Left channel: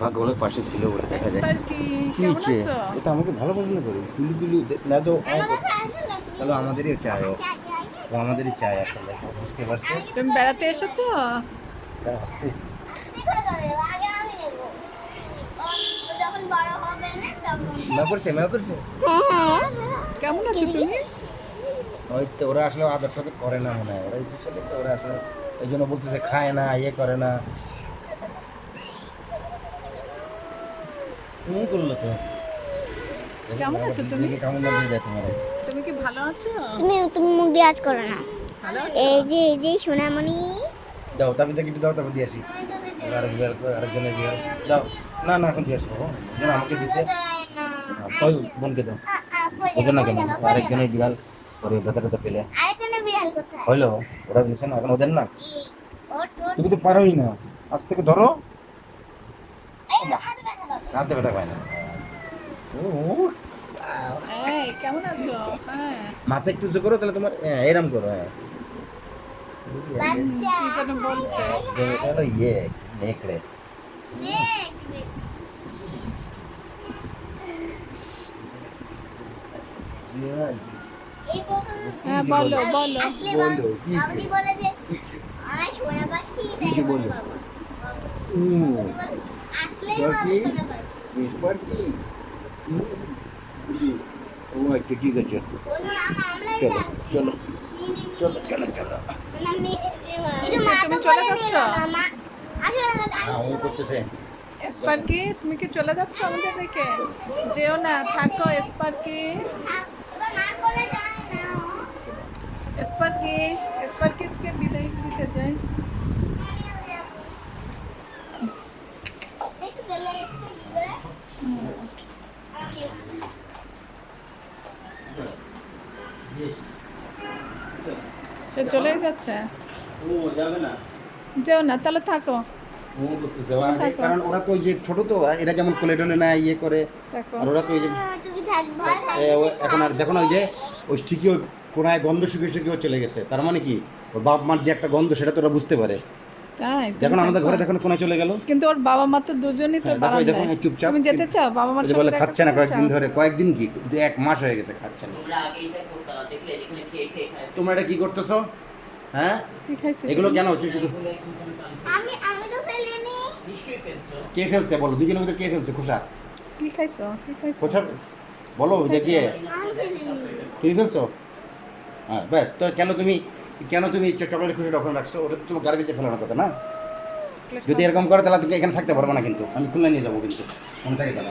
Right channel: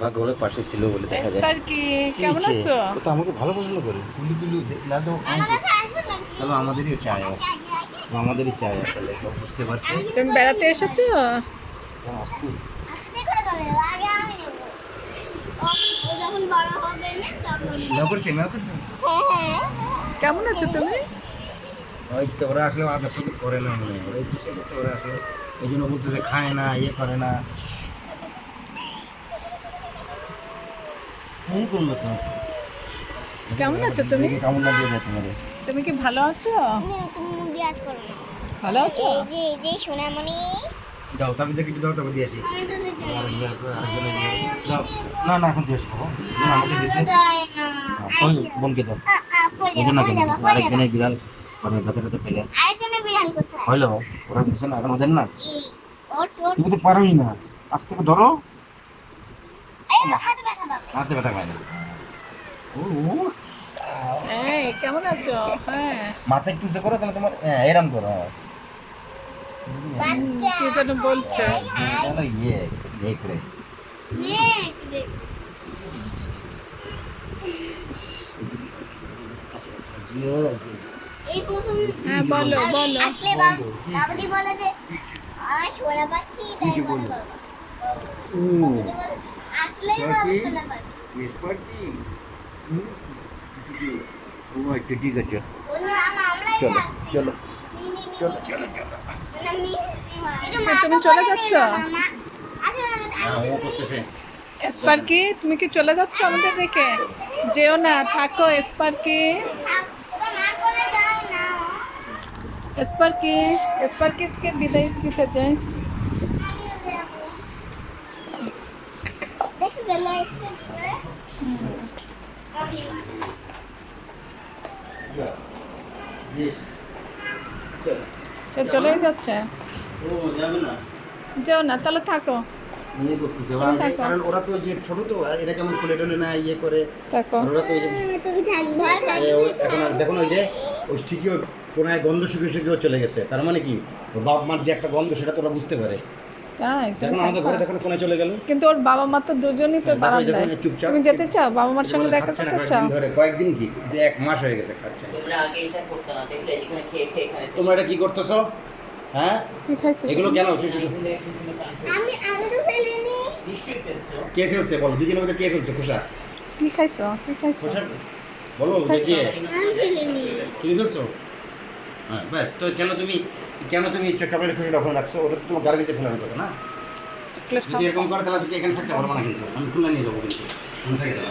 ভাগ্য ভালো পাশে ছিল বলে দেখা যায়। স্পার্কি কেমন আছো? ও তো আমাকে ভালো পছন্দ করে, কুলি কুলি না তো বলো আমাদেরই চায়, ও আমাদেরই চায় আসলে, ও বুঝতে পারছে। তুমি বেড়াতে এসেছো? তা আসতে মেয়া করছে, মেয়া করছে। কেমন আছো তুমি? ওই তো ওরা আসলে আদর সাদর করে না মনে হয়, ওরা একটু ছেলে তো, ওরা আসলে এই জন্য বলতেছে খায় না, ইয়ে করে না। করলো তো কেমন আছো তুমি? কেমন লাগবে দেয় তোমার? তুমি কি ভালো আছো? তুমি মুখ দিয়ে আজ করো না। ভালো আছো? এই যে সোনামণি, দাও তারপর দেখি একটু দাও, তারপর দিয়ে আসি। আরেকজনে দিয়ে দাও। না না এখন দিয়ে আসবো, যেন আমাকে দিছে। ওই বোনকে দাও, ওদের না কেন আরেকজনে বিড়াল করে ব্যথা ব্যথা পেলে আরেকজনের বিড়াল কোথায়? হইলো, ওরা দিছে না, এখন ওদের না। ওট ওট, তুমি তো পারোই না, আজ থেকে ধরো। এই হাতে ব্যথা পাবে। হাতে ব্যথা পায় না। ও এই কেমন আছো? হ্যাঁ মাথা একটু উঁচু করো, তাহলে তোমার এরম করো। হ্যাঁ বাচ্চা কি যেন বলছে। বলো ইয়ে নেকড়ে। এই প্রথম হ্যাঁ বলো বলো। আসলে বাবাজি বলে যে আমার সোনা পাখি, তাই বলে বাবা। বাবাজি বলে আসলেই বাবা সোনা পাখি। ও আচ্ছা ঠিক আছে, ওর নাম আমরাই চলো রাখছি। চলো মিনি চলো চলো চলো। নাম মিনি। তুমি চলে যাচ্ছ? হ্যাঁ ও করতেছে। স্পার্কি তুমি কি চলে যাচ্ছ আমাদের রেখে? যেও না, থাকো স্পার্কি। স্পার্কি, স্পার্কিকে বিদায় দিতে যাই। সে চলেই যাচ্ছে। ও যাবে না, যেও না, তাহলে থাকো নিয়ে করতেছে থাকো। কারণ ওরা তো যে ছোট তো, এরা যেমন কোলে টোলে নেয় ইয়ে করে, থাকো। আর ওরা তো ওই যে তুমি থাকবে। এখন আর দেখো না ওই যে ওই ঠিকই কোনায় গন্ধ শুকিয়ে শুকিয়ে চলে গেছে, তার মানে কি ওর বাপ মার যে একটা গন্ধ সেটা তো ওরা বুঝতে পারে। তাই তুমি দেখুন আমাদের থাকো। ঘরে দেখুন কোনায় চলে গেল। কিন্তু ওর বাবা মা তো দুজনই তো হ্যাঁ, দেখো, এই দেখো, বারান্দায়। এই চুপচাপ। তুমি যেতে চাও বাবা মার এই যে সঙ্গে বলে দেখা খাচ্ছে না করতে চাও? কয়েকদিন ধরে, কয়েকদিন কি যে 1 মাস হয়ে গেছে খাচ্ছে না। তোমরা আগে এটা করতে না, দেখলে যেখানে খেয়ে খেয়ে খায় তোমরা এটা কি করতেছো? হ্যাঁ কি খাইছিস? এগুলো কেন হচ্ছে শুধু? এগুলো এখন তুমি পাইছো আমি তো ফেলিনি। নিশ্চয়ই ফেলছো। কে ফেলছে বলো, দুজনের মধ্যে কে ফেলছে? খোসা কি খাইছো? কি খাইছো? খোসা বলো, দেখিয়ে আমি ফেলিনি। তুমি ফেলছো? হ্যাঁ ব্যাস, তো কেন তুমি চকলেট খুশিটা ওখানে রাখছো? ওটা তো তোমার গার্বেজে ফেলার কথা না। চকলেট যদি খাও। এরকম করে তাহলে তুমি এখানে থাকতে পারবো না, কিন্তু আমি খুলনা নিয়ে যাবো, কিন্তু মনে থাকে যাবো।